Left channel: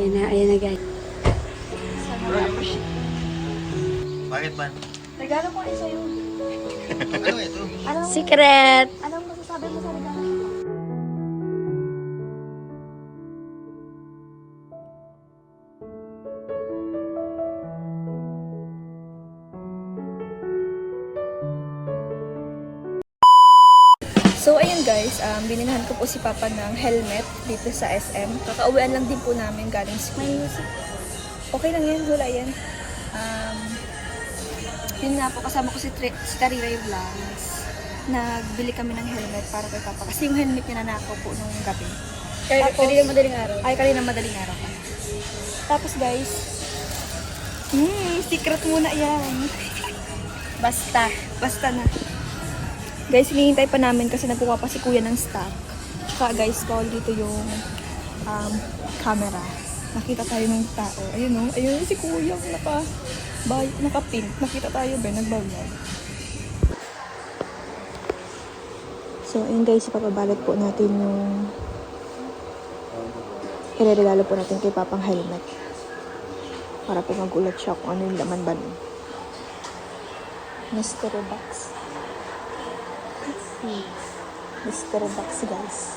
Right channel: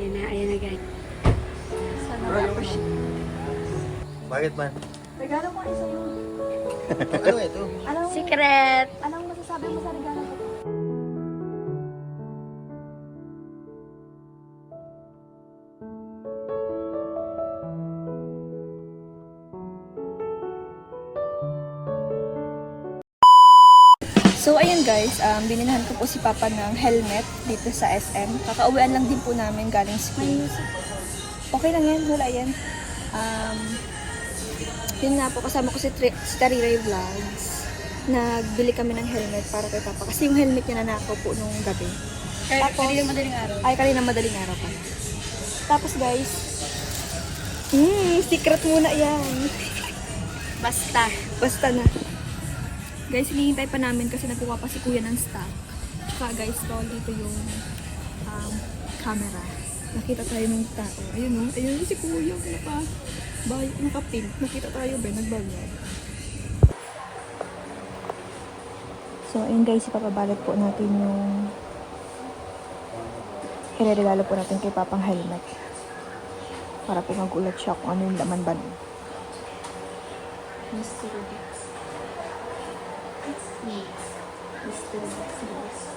Ayan na guys. Sana ma-appreciate. Bakit man? Regalo ko kayo sa'yo. Ano ito? Secret! Anong masasabi mo sa regalo ko? So ayun guys, binilhan ko po si Papa ng helmet dito sa SM. Kakauwian lang din po namin galing school. Okay lang yan, wala yan. Yun nga po, kasama ko si Tariray Vlogs. Nagbili kami ng helmet para kay Papa. Kasi yung helmet niya nanakaw po nung gabi. Kanina madaling araw. Ay, kanina madaling araw pala. Tapos guys, secret muna yan. Basta na. Guys, hinihintay pa namin kasi nagkuha pa si Kuya ng stock. Tsaka guys, tol, dito yung camera. Nakita tayo ng tao. Ayun o, ayun si Kuya, naka-pink. Nakita tayo ba, nagbablog. So, ayun guys, ipapabalot po natin yung ireregalo po natin kay Papang helmet. Para po magulat siya kung ano yung laman ba nun. Mystery box. Mystery box guys.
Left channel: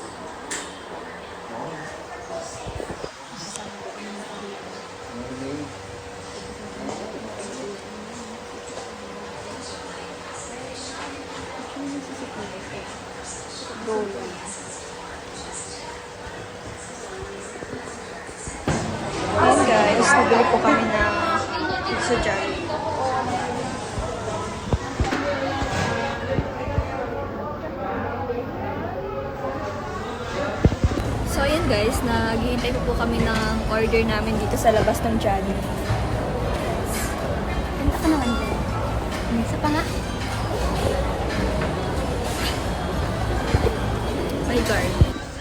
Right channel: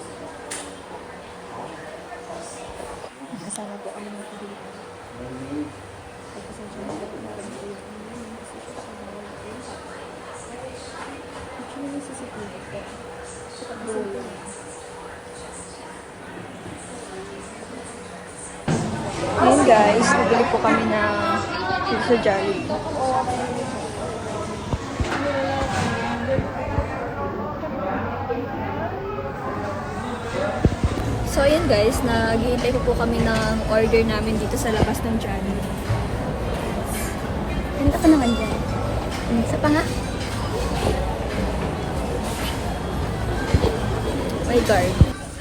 Ayan guys, nabili po kami na dito sa Jollibee. So ayan guys, naghihintay po kami ng order namin dito sa labas ng Jollibee. Ano ka naman dyan? Isa pa nga? My guard.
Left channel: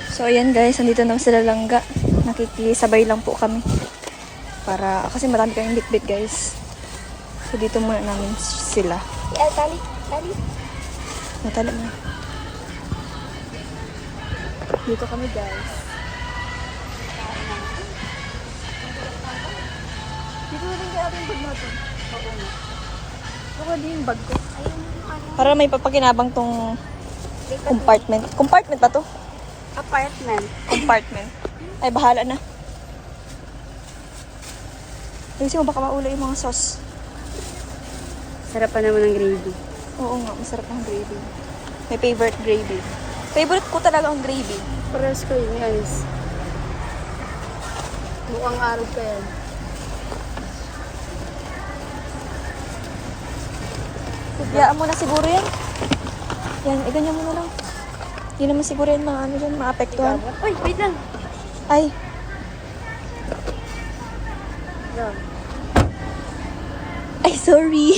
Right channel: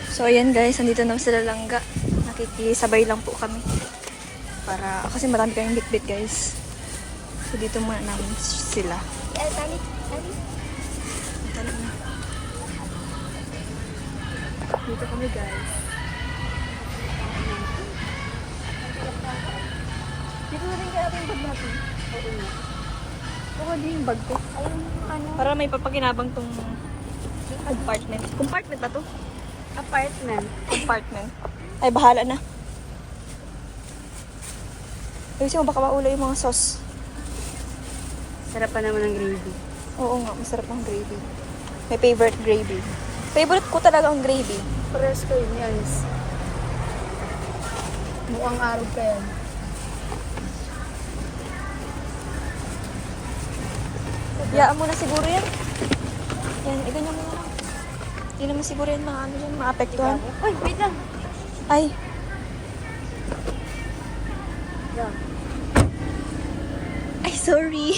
So ayan guys, nandito na sila langga. Nakikisabay lang po kami. Para, kasi marami kayong bitbit guys. So dito muna namin sila. Matala na. Dito kami guys. Dito na rin kaya ating bag natin. Oo nga. Baka din yung bag ko. Para may papakinabang tong compartment. Compartment ba to? Apartment. Compartment. Ay, bahala na. Ayusin mo, baka maulay yung mga sauce. Sarap pa naman ng gravy. Oo nga, masarap ang gravy. My favorite gravy. Favorite ko talaga ang gravy. Pares ko, guys. Buang araw pa yan. Biyaan mo na siguro yan. Yan, ito niya muna lang. Hindi naman siguro yan mga ano dyan, maapektuhan. Uy, wait lang. Ay. Ay, sorry.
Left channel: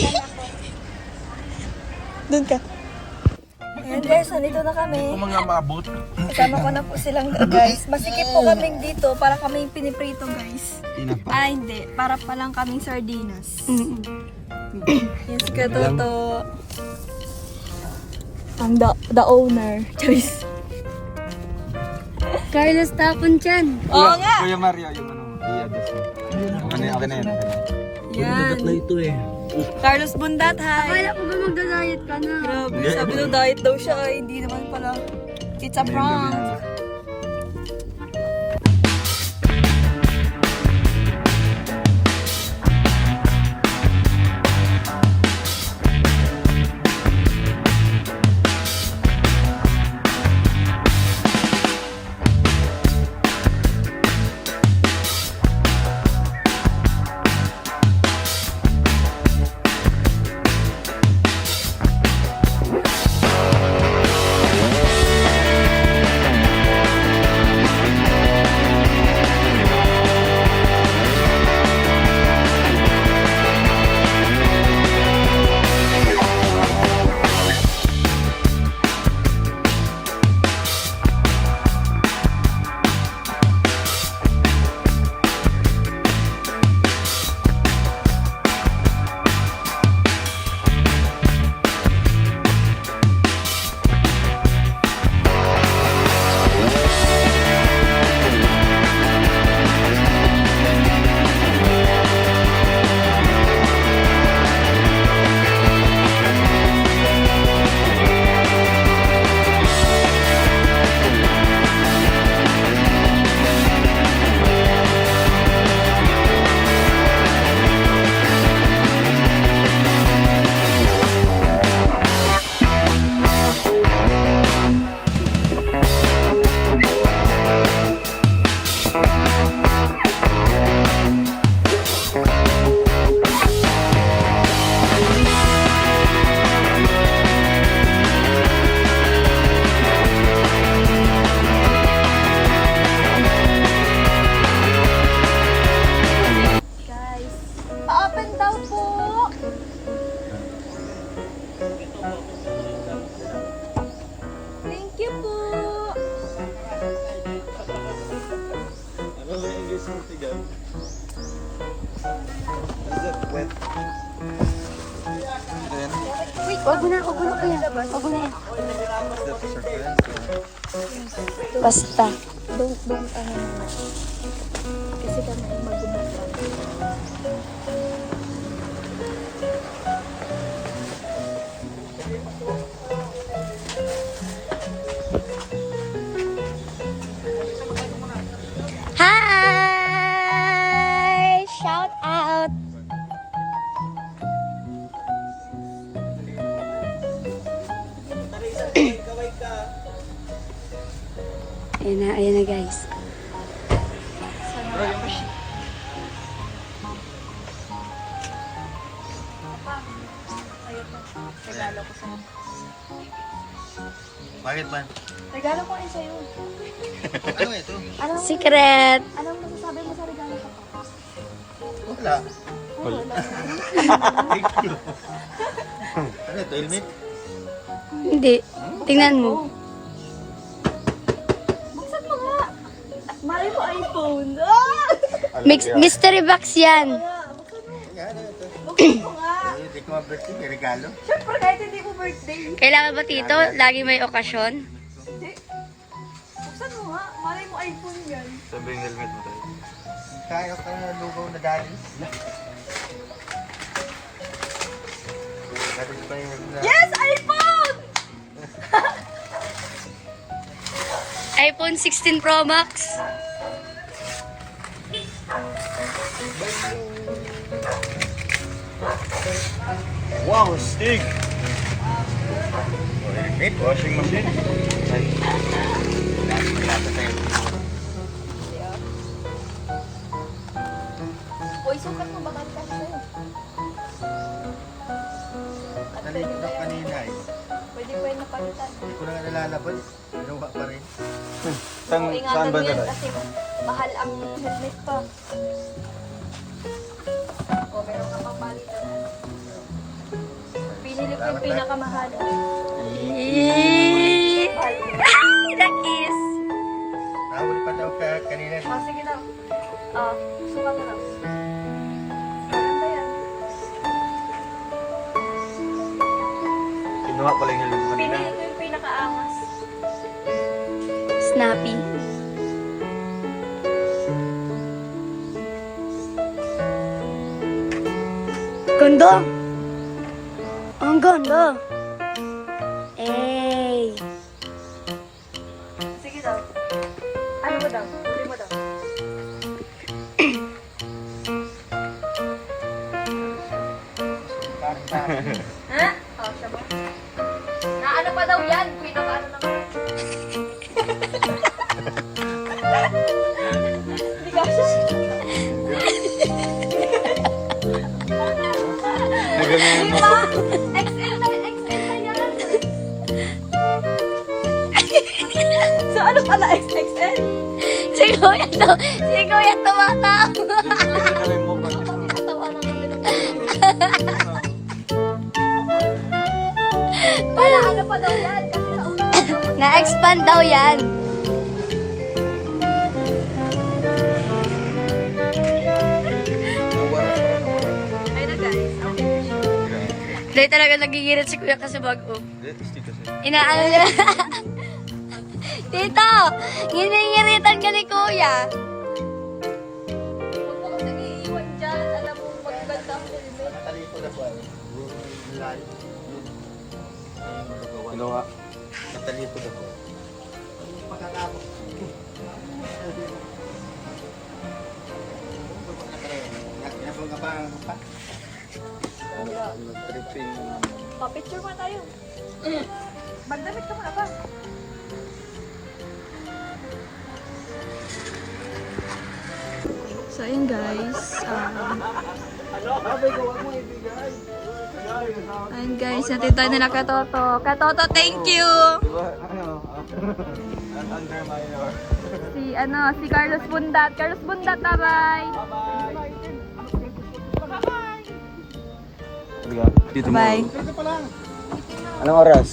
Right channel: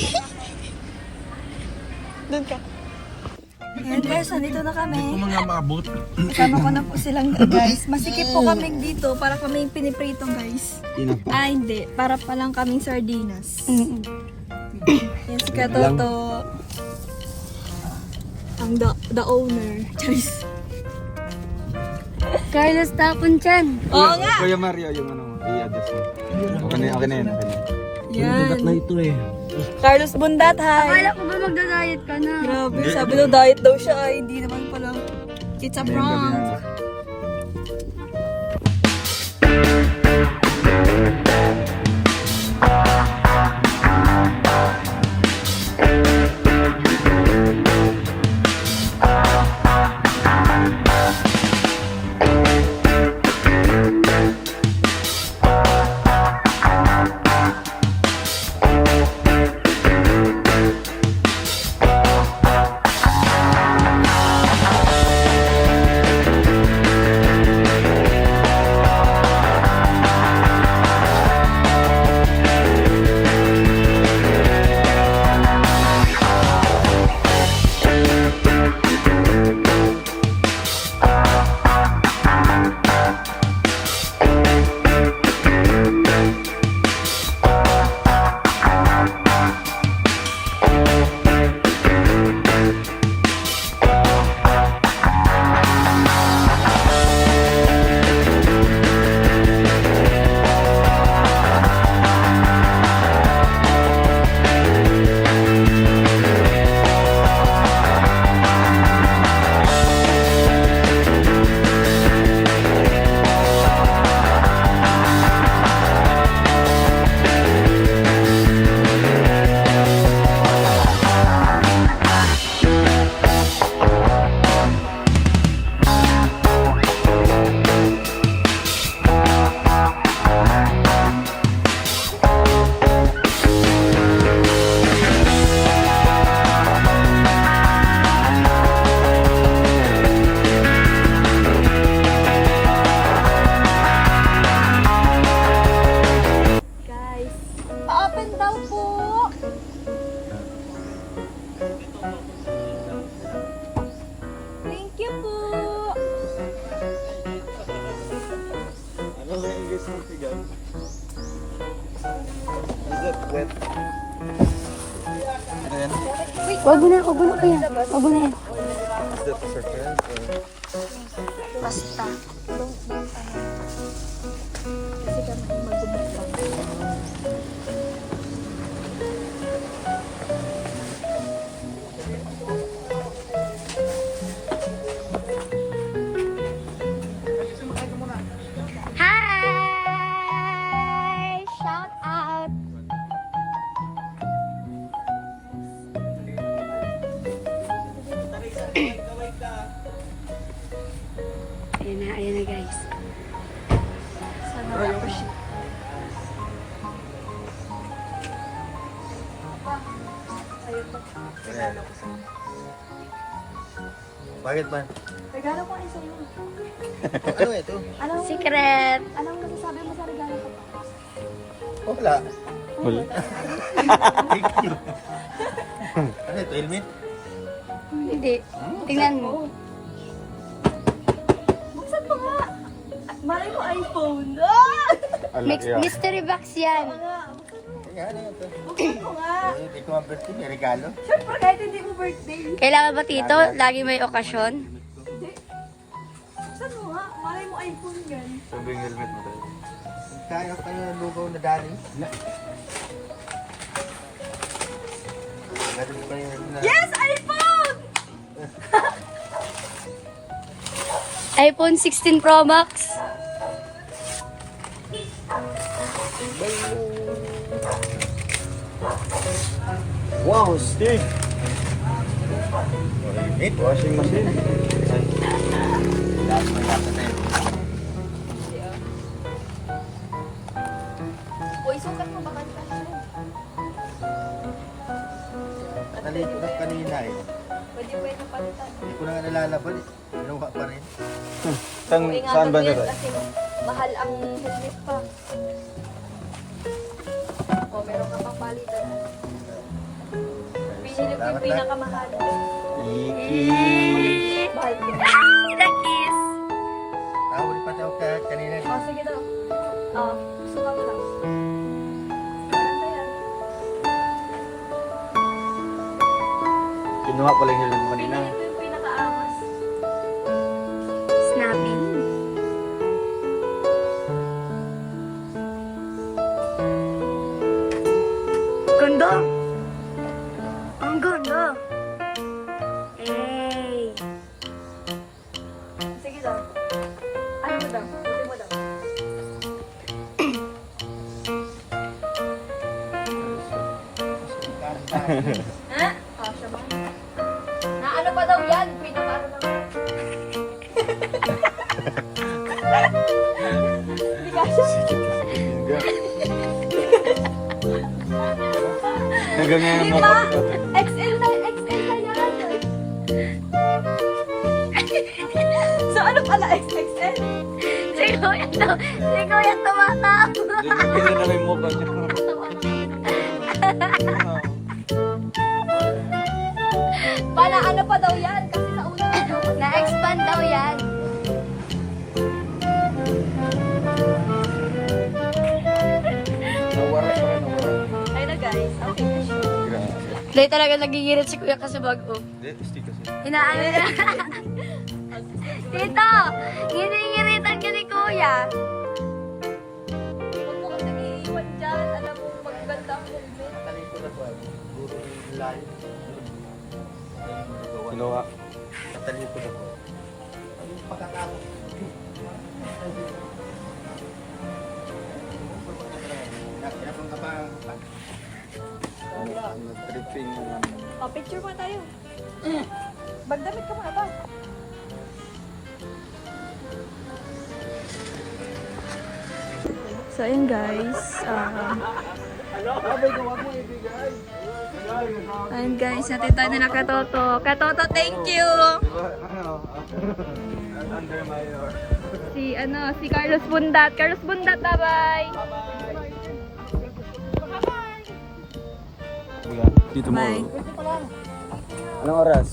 Doon ka. Ayan guys, nandito na kami. Kung mga maabot. Kasama ko na po silang guys. Masikip po kaming dito para kaming piniprito guys. Ah, hindi. Para pa lang kaming sardinas. Yes, katoto. Ang the owner. Choice. Carlos tapon dyan. Oo nga! Kuya Mario, yung ano, i-address mo. Okay na yun. Yan. na ito eh. Carlos Bundat, hi! Akala ko ba magda-diet ka na? Grabe, sabi daw diet daw siya. Ay, hindi naman pala. It's a prank. Huwag mo na kuya. Huwag mo na yan. Basta. Kasi kami mag-gumit. Hi! Shout out! Ayan na guys. Sana ako siya. Papa, ayun pa. Regalo ko sa'yo. Bakit man? Regalo ko rin sa'yo. Ano ito? Secret! Anong masasabi mo sa regalo ko pa? Wala. Wala. Ano ito? Helmet? Hindi. Tingnan mo. Buksan mo nga. Mali mo iPhone. Ah! Mystery box yan. Yan, ano ito? Buksan mo nga. Hindi ko birthday, may regalo. Siyempre kahit hindi mo birthday. Kailangan ba tito? Lagi may okasyon? Hindi. Buksan mo nga. Mali mo iPhone yan. Sabi yung helmet mo tayo. Kaya ko ng lugaw na dali. Meron ko yung helmet na. Yes! iPhone! iPhone 16 Pro Max. Wow, stick! Helmet, washing machine. Malasa tayo. Uy, sukat mo baka sa'yo. Nalito na kanina eh. Pwede ko yung napalitan. Hindi ko na nalalaban eh. Ginawa pa rin. So, ingatan mo yun kasi mahal ang helmet pa. O, meron ka pang palitan. Pinili ko yung pinakamahal. Mahal ko. The kiss. Tawag pa daw ka kanina. O, sige daw. Sukat mo lang. Maganda yan. Kinuha ko lang yung helmet kanina. Pinili ko yung pinakaangas. Snappy. Ganda! Ang ganda! Hey! Sige daw. Ano mo daw? Huli mo daw. Ha? Siya ba? Na ano pa daw yan? Pinakaano naman. Hindi ka siya. Diba? XL na yan. So ano pala XXL? Siguro yan tumatawa. Para ano pa daw yan? Kasi sa una Na-expand daw yan. ayun na guys. Okay. Dahil talaga nagigirit si kuya kasi bago. Inaano niya. Tito! Ginigiritan ka ni kuya. Huwag mo kasi iiwan dyan. Alam mo, magaganda ang helmet. Tatalito na po. Pagkakapot. Nakapang ka pa. Picture mo tayo. Magdamit ka muna ba? So, ayun guys. Ayun guys, natin tayo nila Katoto. Katoto, thank you! Si Carlos Bundat. Carlos Bundat, bye-bye! Dito mo. Bye. Anong oras?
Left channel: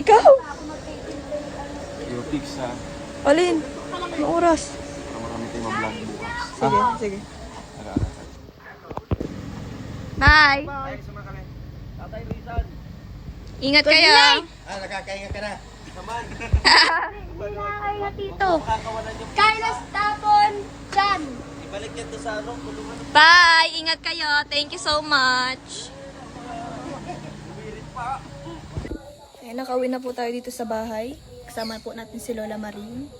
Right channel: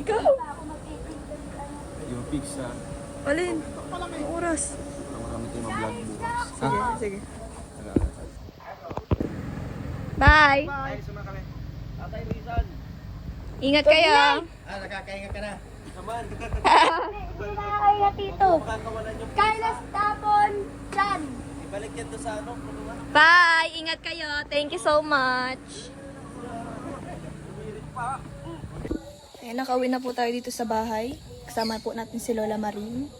Ikaw! Yung fix ha. Alin? Anong oras? Para marami tayong ma-vlog bukas. Sige, sige. Bye! Ay, sumama kami. Ingat kayo. Nagkakainga ka na. Kaya dito. Kailos tapon. Dyan. Ibalik yan doon sa ano. Bye! Ingat kayo. Thank you so much. Ayan, nakauwi na po tayo dito sa bahay. Kasama po natin si Lola Marie.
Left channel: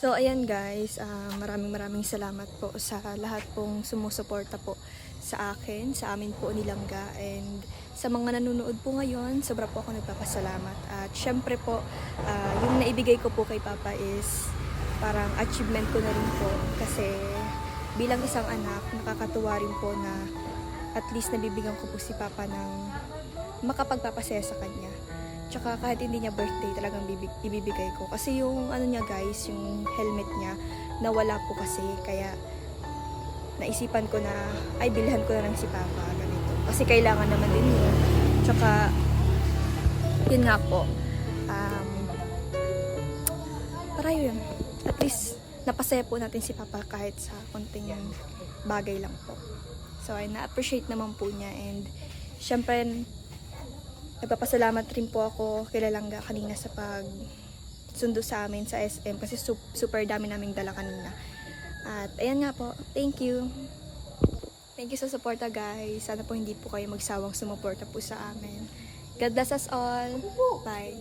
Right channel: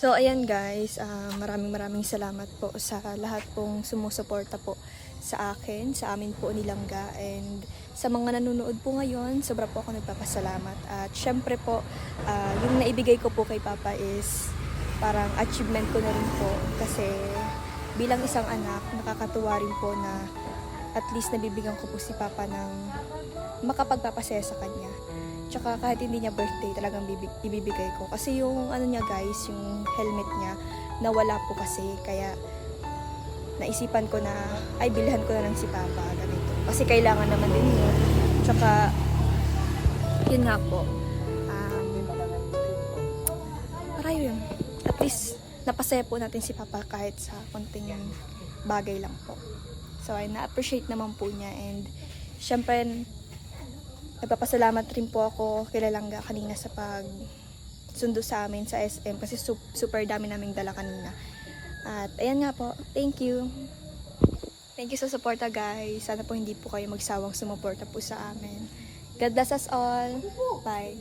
So, ayan guys. Maraming salamat po sa lahat pong sumusuporta po sa akin, sa amin po ni Langga. And sa mga nanonood po ngayon, sobra po ako nagpapasalamat. At syempre po, yung naibigay ko po kay Papa is parang achievement ko na rin po. Kasi bilang isang anak, nakakatuwa rin po na at least nabibigyan ko po si Papa ng makapagpapasaya sa kanya. Tsaka kahit hindi niya birthday, talagang ibibigay ko. Kasi yung ano niya guys, yung helmet niya, nawala po kasi. Kaya naisipan ko na, ay bilhan ko na lang si Papa, ganito. Kasi kailangan naman din yun. Tsaka, yun nga po. Para yun. At least, napasaya po natin si Papa kahit sa konting bagay lang po. So, ay na-appreciate naman po niya. And, syempre, nagpapasalamat rin po ako kay Langga kanina sa pag sundo sa amin sa SM kasi super dami naming dala kanina. At ayan nga po, thank you. Thank you sa suporta guys. Sana po hindi po kayo magsawang sumuporta po sa amin. God bless us all. Bye.